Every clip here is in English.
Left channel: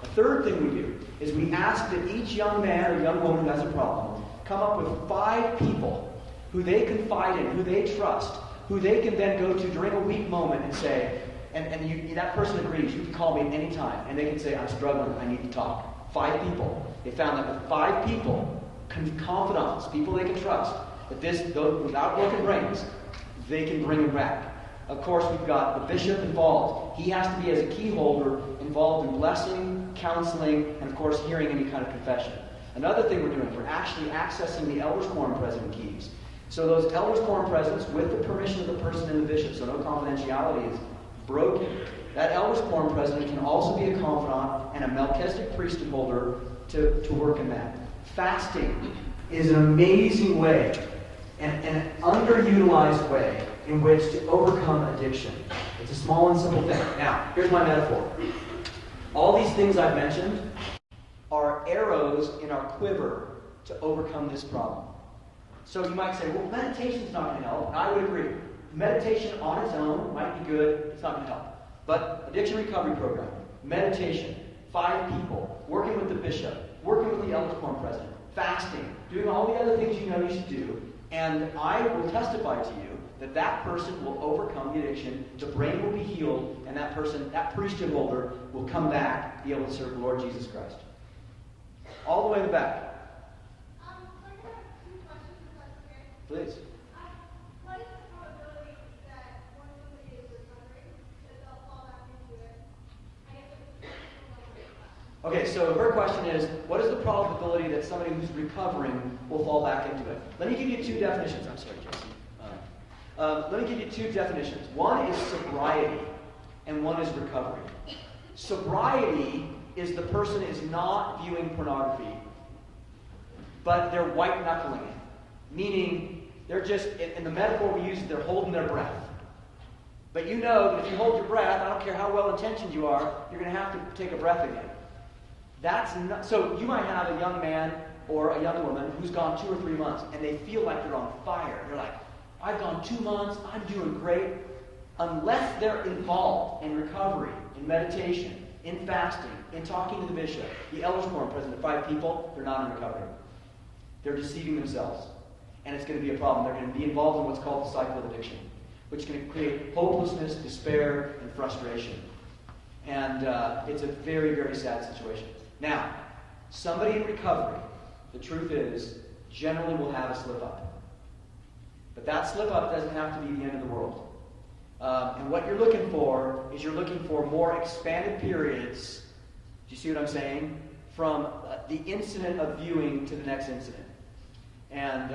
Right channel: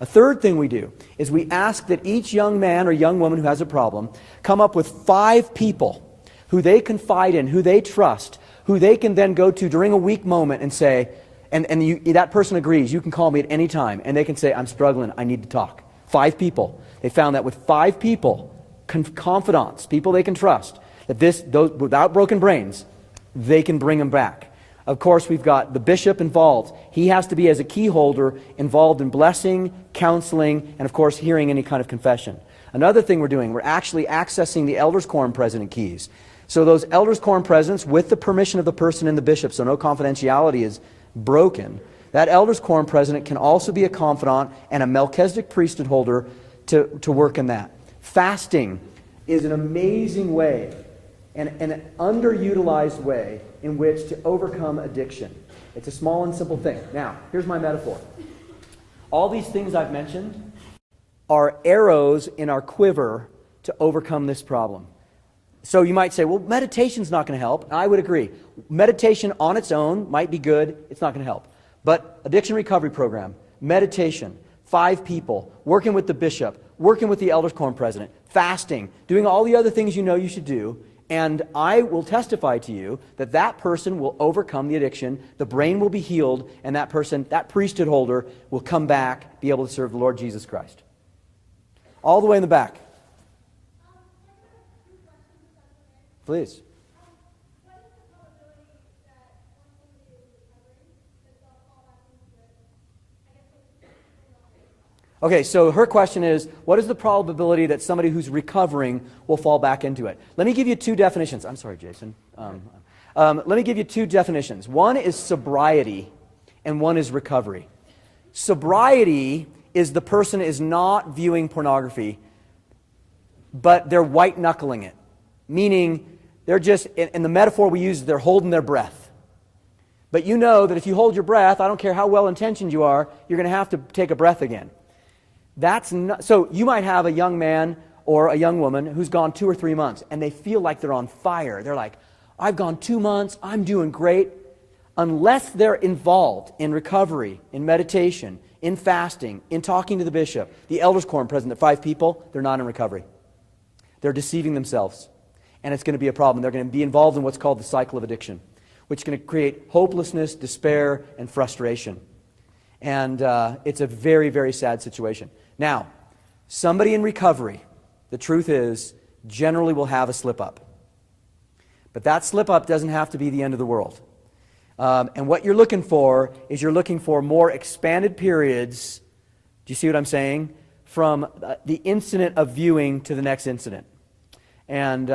A third thing we do is we ask that each young man or young woman who has a problem come up with 5 people who they confide in, who they trust, who they can then go to during a weak moment and say, that person agrees, you can call me at any time, and they can say, I'm struggling, I need to talk. 5 people. They found that with 5 people, confidants, people they can trust, that those without broken brains, they can bring them back. Of course, we've got the bishop involved. He has to be, as a key holder, involved in blessing, counseling, and of course, hearing any kind of confession. Another thing we're doing, we're actually accessing the elders' quorum president keys. So those elders' quorum presidents, with the permission of the person in the bishop, so no confidentiality is broken, that elders' quorum president can also be a confidant and a Melchizedek priesthood holder to work in that. Fasting is an amazing way and an underutilized way in which to overcome addiction. It's a small and simple thing. Now, here's my metaphor. All these things I've mentioned are arrows in our quiver to overcome this problem. So you might say, well, meditation's not going to help. And I would agree. Meditation on its own might be good. It's not going to help. But addiction recovery program, meditation, 5 people, working with the bishop, working with the elders quorum president, fasting, doing all the other things you know you should do, and I will testify to you that that person will overcome the addiction, the brain will be healed, and that person, that priesthood holder, will come back, be able to serve the Lord Jesus Christ. All the way in the back. Please. Okay, so her question is, what is the probability that somebody who's recovering will fall back into it? Let me give you 2 definitions. I'm sorry, Jason. Let me give you 2 definitions. One is sobriety, and one is recovery. Sobriety is the person is not viewing pornography, but they're white-knuckling it. Meaning, they're just, in the metaphor we use, they're holding their breath. But you know that if you hold your breath, I don't care how well-intentioned you are, you're going to have to take a breath again. That's not, so you might have a young man or a young woman who's gone 2 or 3 months, and they feel like they're on fire. They're like, I've gone 2 months, I'm doing great. Unless they're involved in recovery, in meditation, in fasting, in talking to the bishop, the elders quorum president, 5 people, they're not in recovery. They're deceiving themselves. And it's going to be a problem. They're going to be involved in what's called the cycle of addiction, which is going to create hopelessness, despair, and frustration. And it's a very, very sad situation. Now, somebody in recovery, the truth is, generally will have a slip-up. But that slip-up doesn't have to be the end of the world. And what you're looking for is you're looking for more expanded periods, do you see what I'm saying, from the incident of viewing to the next incident. And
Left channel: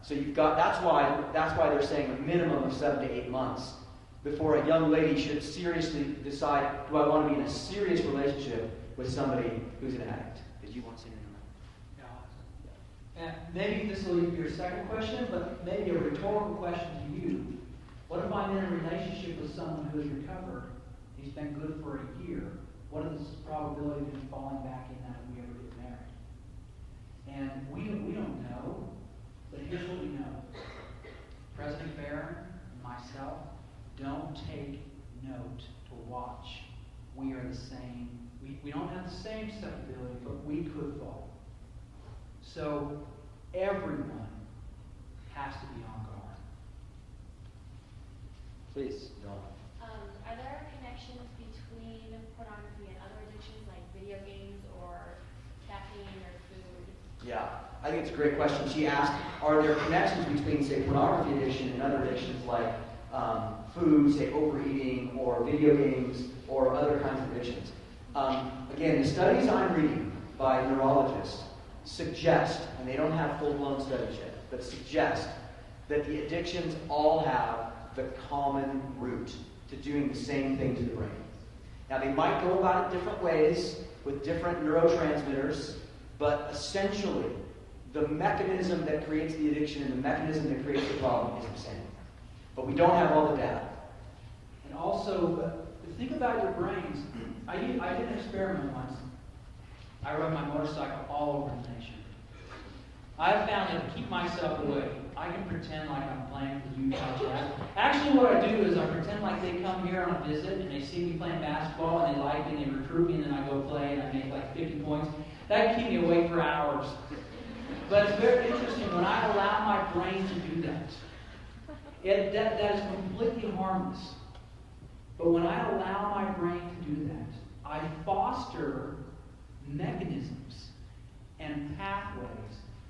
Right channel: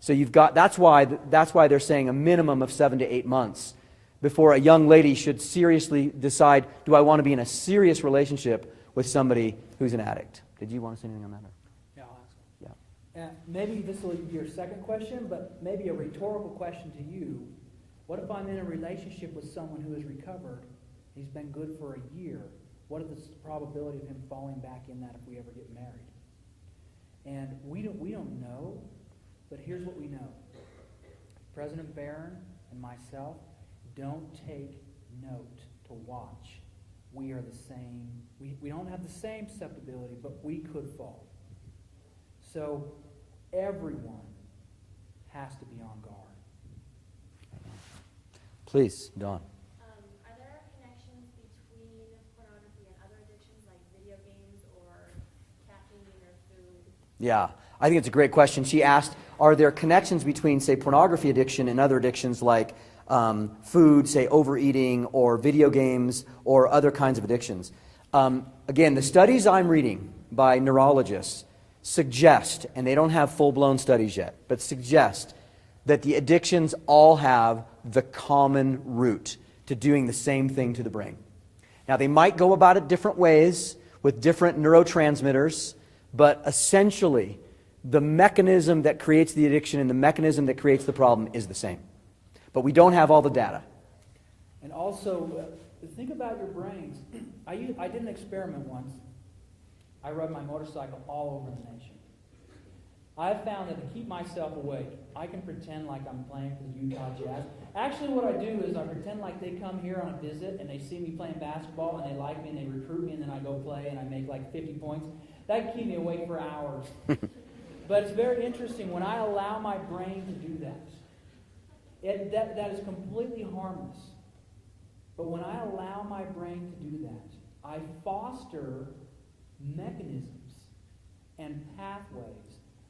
so you've got, that's why they're saying a minimum of 7 to 8 months before a young lady should seriously decide, do I want to be in a serious relationship with somebody who's an addict? Did you want to say anything on that? Yeah. And maybe this will lead to your second question, but maybe a rhetorical question to you. What if I'm in a relationship with someone who has recovered, he's been good for a year? What is the probability of him falling back in that if we ever get married? And we don't know, but here's what we know. President Barron and myself don't take note to watch. We are the same. We don't have the same susceptibility, but we could fall. So everyone has to be on guard. Please, Dawn. Are there connections between pornography and other addictions like video games or caffeine or food? Yeah, I think it's a great question. She asked, are there connections between, say, pornography addiction and other addictions like food, say, overeating, or video games, or other kinds of addictions? Again, the studies I'm reading by neurologists suggest, and they don't have full-blown studies yet, but suggest that the addictions all have the common root to doing the same thing to the brain. Now, they might go about it different ways with different neurotransmitters, but essentially, the mechanism that creates the addiction and the mechanism that creates the problem is the same. But we don't have all the data. And also, think about your brains. I did an experiment once. I rode my motorcycle all over the nation. I've found that to keep myself awake, I can pretend like I'm playing with you guys. Actually, what I do is I pretend like they come here on a visit and they see me playing basketball and they like me and they recruit me and then I go play and I make like 50 points. That can keep me awake for hours. But it's very interesting when I allow my brain to do that. That is completely harmless. But when I allow my brain to do that, I foster mechanisms and pathways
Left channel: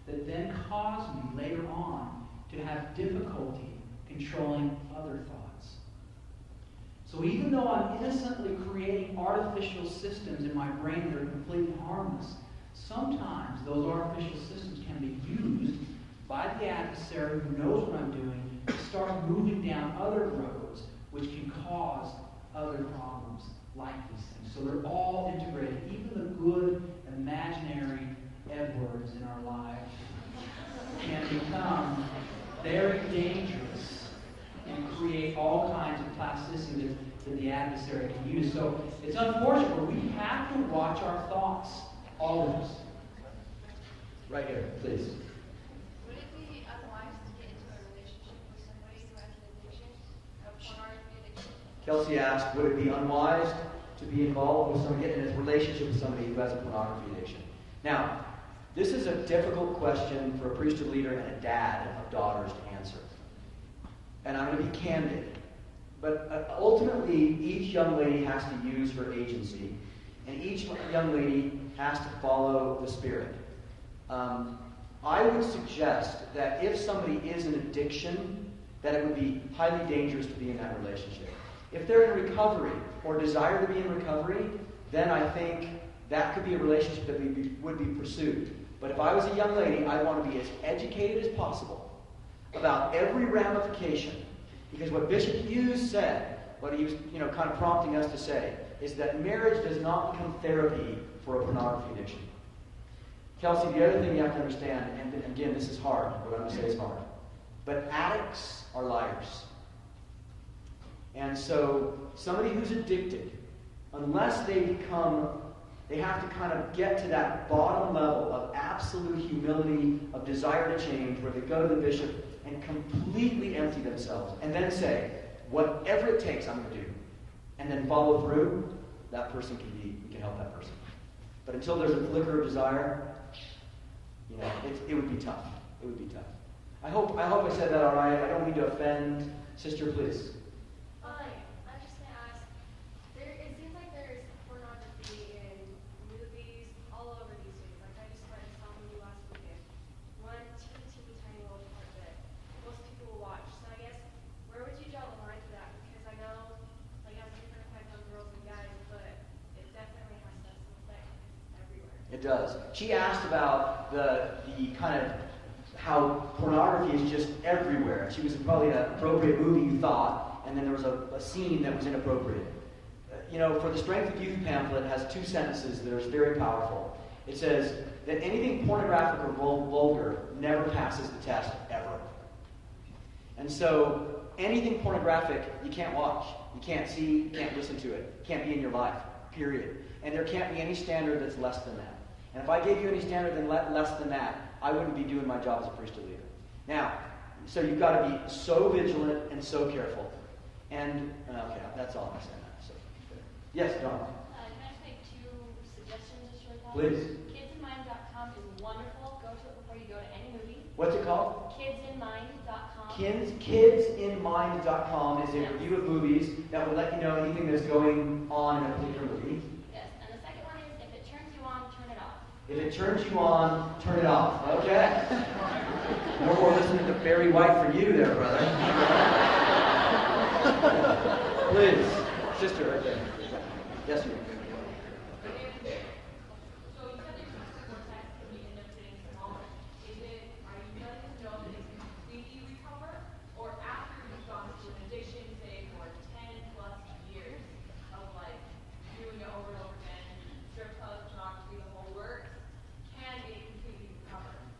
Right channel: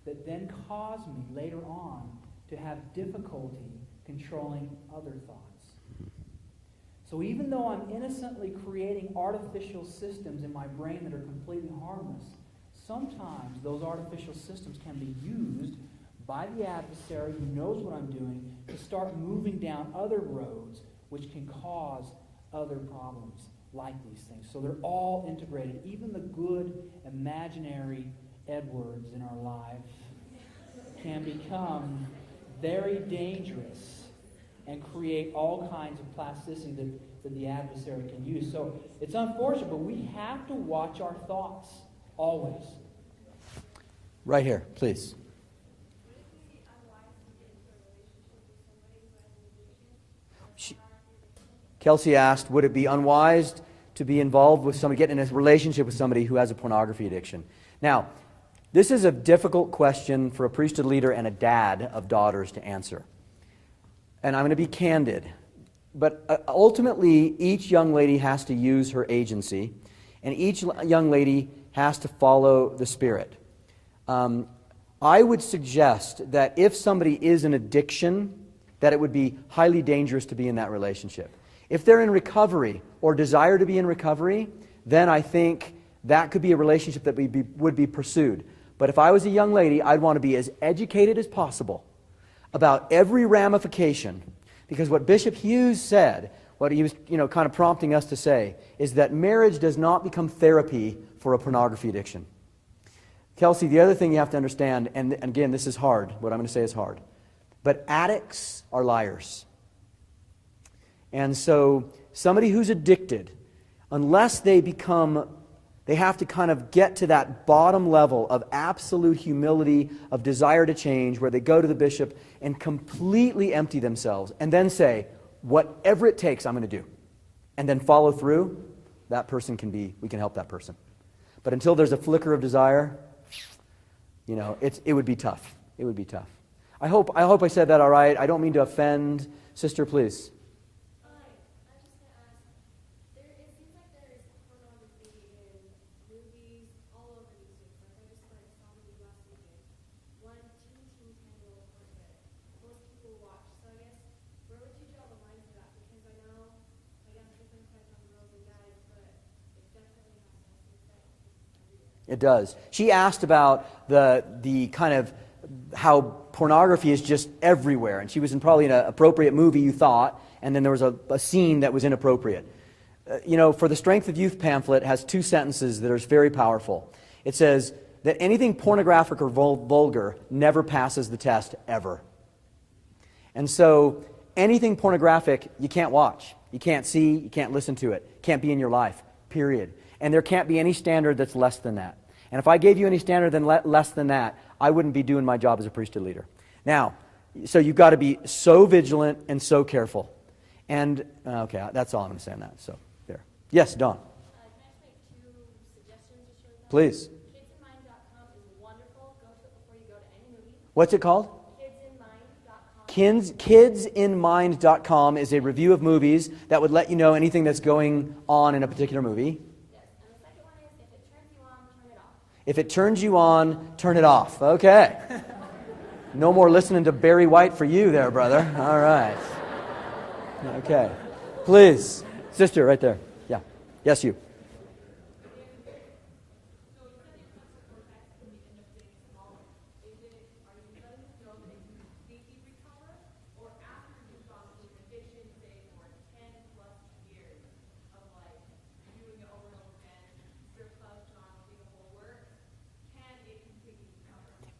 that then cause me later on to have difficulty controlling other thoughts. So even though I'm innocently creating artificial systems in my brain that are completely harmless, sometimes those artificial systems can be used by the adversary who knows what I'm doing to start moving down other roads which can cause other problems like these things. So they're all integrated. Even the good imaginary Edwards in our life can become very dangerous and create all kinds of plasticity that the adversary can use. So it's unfortunate, but we have to watch our thoughts always. Right here, please. Would it be unwise to get into a relationship with somebody who has an addiction, a pornography addiction? Kelsey asked, would it be unwise to be involved with somebody, get in a relationship with somebody who has a pornography addiction? Now, this is a difficult question for a priesthood leader and a dad of daughters to answer. And I'm going to be candid. But ultimately, each young lady has to use her agency, and each young lady has to follow the Spirit. I would suggest that if somebody is in addiction, that it would be highly dangerous to be in that relationship. If they're in recovery or desire to be in recovery, then I think that could be a relationship that would be pursued. But if I was a young lady, I'd want to be as educated as possible about every ramification. Because what Bishop Hughes said, what he was kind of prompting us to say, is that marriage does not become therapy for a pornography addiction. Kelsey, the other thing you have to understand, and again, this is hard, what I'm going to say is hard, but addicts are liars. And so somebody who's addicted, unless they have to kind of get to that bottom level of absolute humility, of desire to change, where they go to the bishop and completely empty themselves, and then say, whatever it takes, I'm going to do. And then follow through, we can help that person. But until there's a flicker of desire, it would be tough. It would be tough. I hope I said that all right. I don't mean to offend. Sister, please. I'm just going to ask, it seems like there's pornography in movies all over these days. Like I just read some movie last weekend. One teeny tiny little part that most people will watch. So I guess, where would you draw the line for that? Because I know, like, I'm different types of girls and guys, but it definitely has that effect everywhere. It does. She asked about the kind of how pornography is just everywhere. And she was in probably an appropriate movie, you thought, and then there was a scene that was inappropriate. For the Strength of Youth pamphlet has 2 sentences that are very powerful. It says that anything pornographic or vulgar never passes the test, ever. And so anything pornographic, you can't watch. You can't see, you can't listen to it. Can't be in your life, period. And there can't be any standard that's less than that. And if I gave you any standard less than that, I wouldn't be doing my job as a priesthood leader. Now, so you've got to be so vigilant and so careful. And, okay, that's all I'm going to say on that. So, there. Yes, Dawn. Can I just make 2 suggestions just really fast? Please. Kidsinmind.com is wonderful. Go to it before you go to any movie. What's it called? Kidsinmind.com. Kidsinmind.com is a review of movies that would let you know anything that's going on in a particular movie. Yes, and the second one is if it turns you on, turn it off. If it turns you on, turn it off. Okay. No more listening to Barry White for you there, brother. All right. Okay. Please. Sister, right there. Yeah. Yes, you.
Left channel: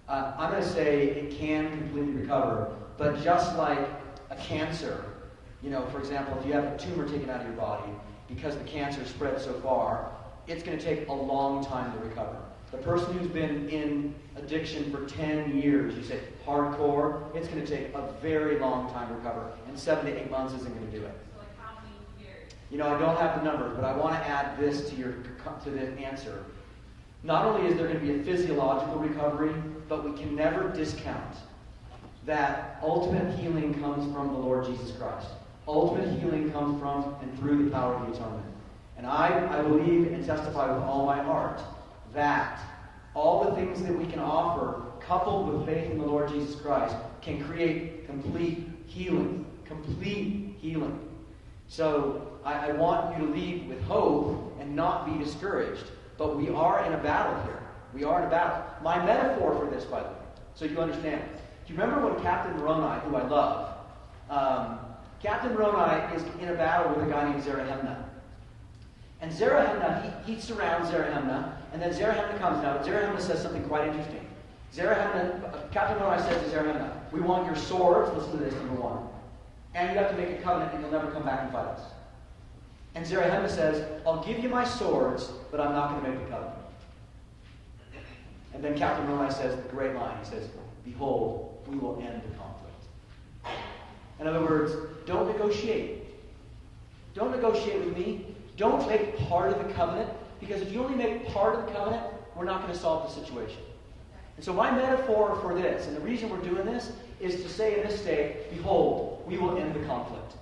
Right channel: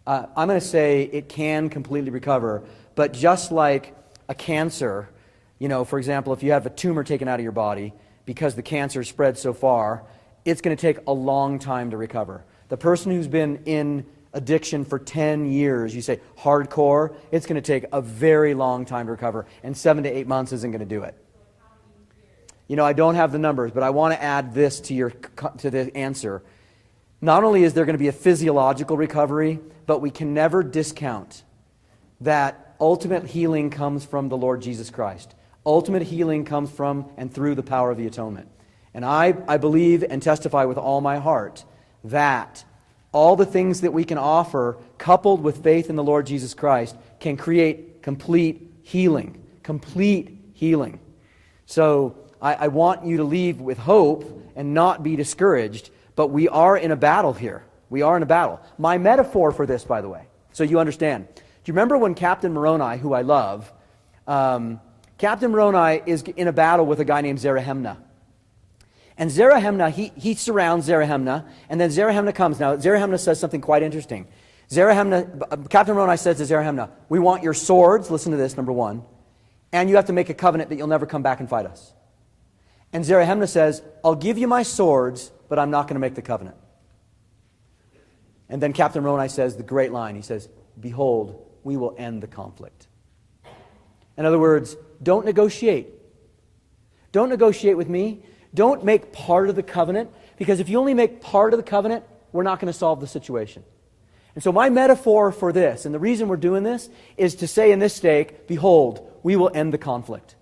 I'm going to say it can completely recover, but just like a cancer, for example, if you have a tumor taken out of your body because the cancer spread so far, it's going to take a long time to recover. The person who's been in addiction for 10 years, you say hardcore, it's going to take a very long time to recover, and 7 to 8 months isn't going to do it. You know, I don't have the numbers, but I want to add this to the answer. Not only is there going to be a physiological recovery, but we can never discount that ultimate healing comes from the Lord Jesus Christ. Ultimate healing comes from and through the power of the atonement. And I believe and testify with all my heart that all the things that we can offer, coupled with faith in the Lord Jesus Christ, can create complete healing. Complete healing. So I want you to leave with hope and not be discouraged, but we are in a battle here. We are in a battle. My metaphor for this, by the way, so you understand. Do you remember when Captain Moroni, who I love, Captain Moroni is in a battle with a guy named Zarahemna. And Zarahemna, he surrounds Zarahemna, and then Zarahemna comes. Now, Zarahemna says something quite interesting. Captain Moroni says to Zarahemna, we want your swords, listen to this, number one, and you have to make a covenant that you'll never come back and fight us. And Zarahemna says, I'll give you my swords, but I'm not going to make the covenant. And then Captain Moroni says the great line. He says, behold, we will end the conflict. In other words, don't negotiate. Don't negotiate with me. Don't make part of the covenant, because if you only make part of the covenant, we're not going to solve the situation. And so my metaphor for this, and the reason we're doing this, is to say in this stake, behold, we will end the conflict.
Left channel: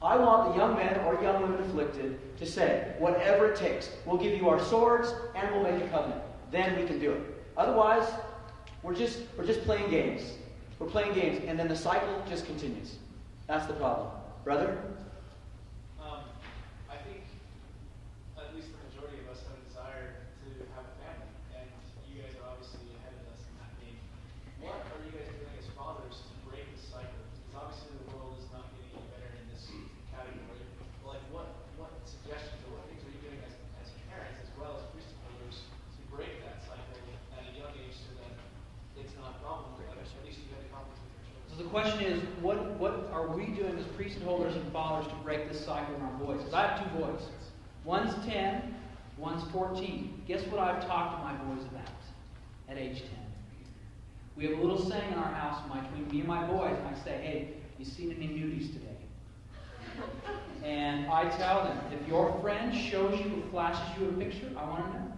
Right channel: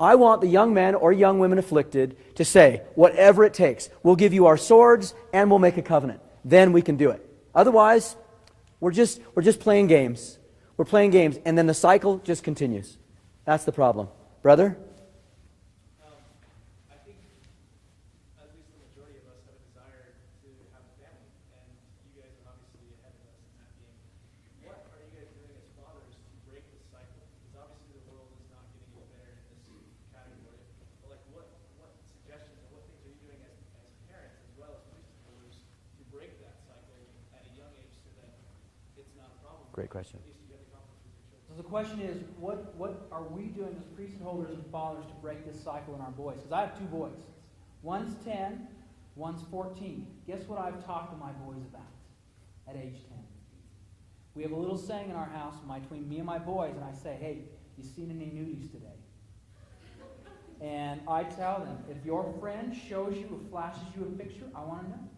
I want the young men or young women afflicted to say, whatever it takes, we'll give you our swords and we'll make a covenant. Then we can do it. Otherwise, we're just playing games. We're playing games, and then the cycle just continues. That's the problem. Brother? I think at least the majority of us have a desire to have a family, and you guys are obviously ahead of us in that game. What are you guys doing as fathers to break the cycle? Because obviously the world is not getting any better in this category. Like, what suggestions or what things are you doing as parents as well as priesthood holders to break that cycle at a young age so that it's not a problem? Great question. At least you have the conflict with your children. So the question is, what are we doing as priesthood holders and fathers to break this cycle in our boys? Because I have 2 boys. One's 10, one's 14. Guess what I've talked to my boys about at age 10? We have a little saying in our house between me and my boys, and I say, hey, you seen any nudies today? And I tell them, if your friend shows you or flashes you a picture, I want to know.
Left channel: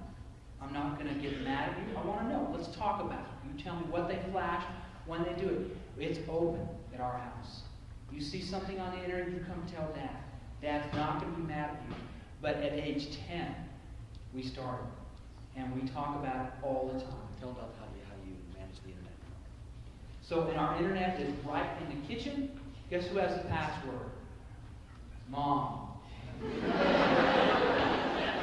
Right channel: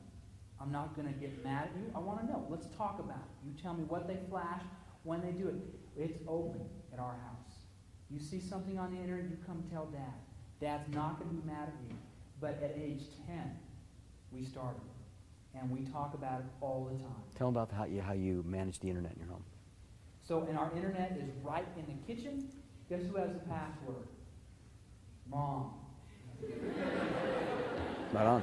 I'm not going to get mad at you. I want to know. Let's talk about it. You tell me what they flash, when they do it. It's open at our house. You see something on the internet, you come tell Dad. Dad's not going to be mad at you. But at age 10, we started. And we talk about it all the time. Tell them about how you manage the internet in your home. So, and our internet is right in the kitchen. Guess who has the password? Mom. Right on.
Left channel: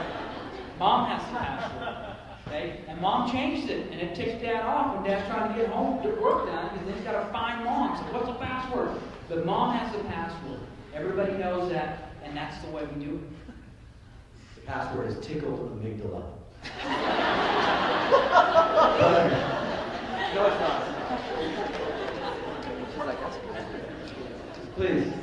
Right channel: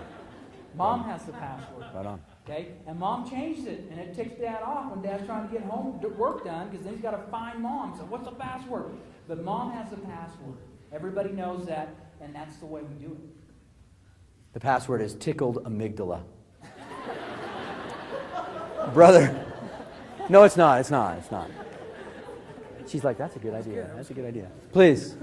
Mom has the password. Right on. Okay? And Mom changes it, and it takes Dad off when Dad's trying to get home, get work done, because then he's got to find Mom. So what's the password? But Mom has the password. Everybody knows that, and that's the way we do it. The password is tickled amygdala. Brother. No, it's not. It's not. She's like, that's a good idea. That's a good idea. Please.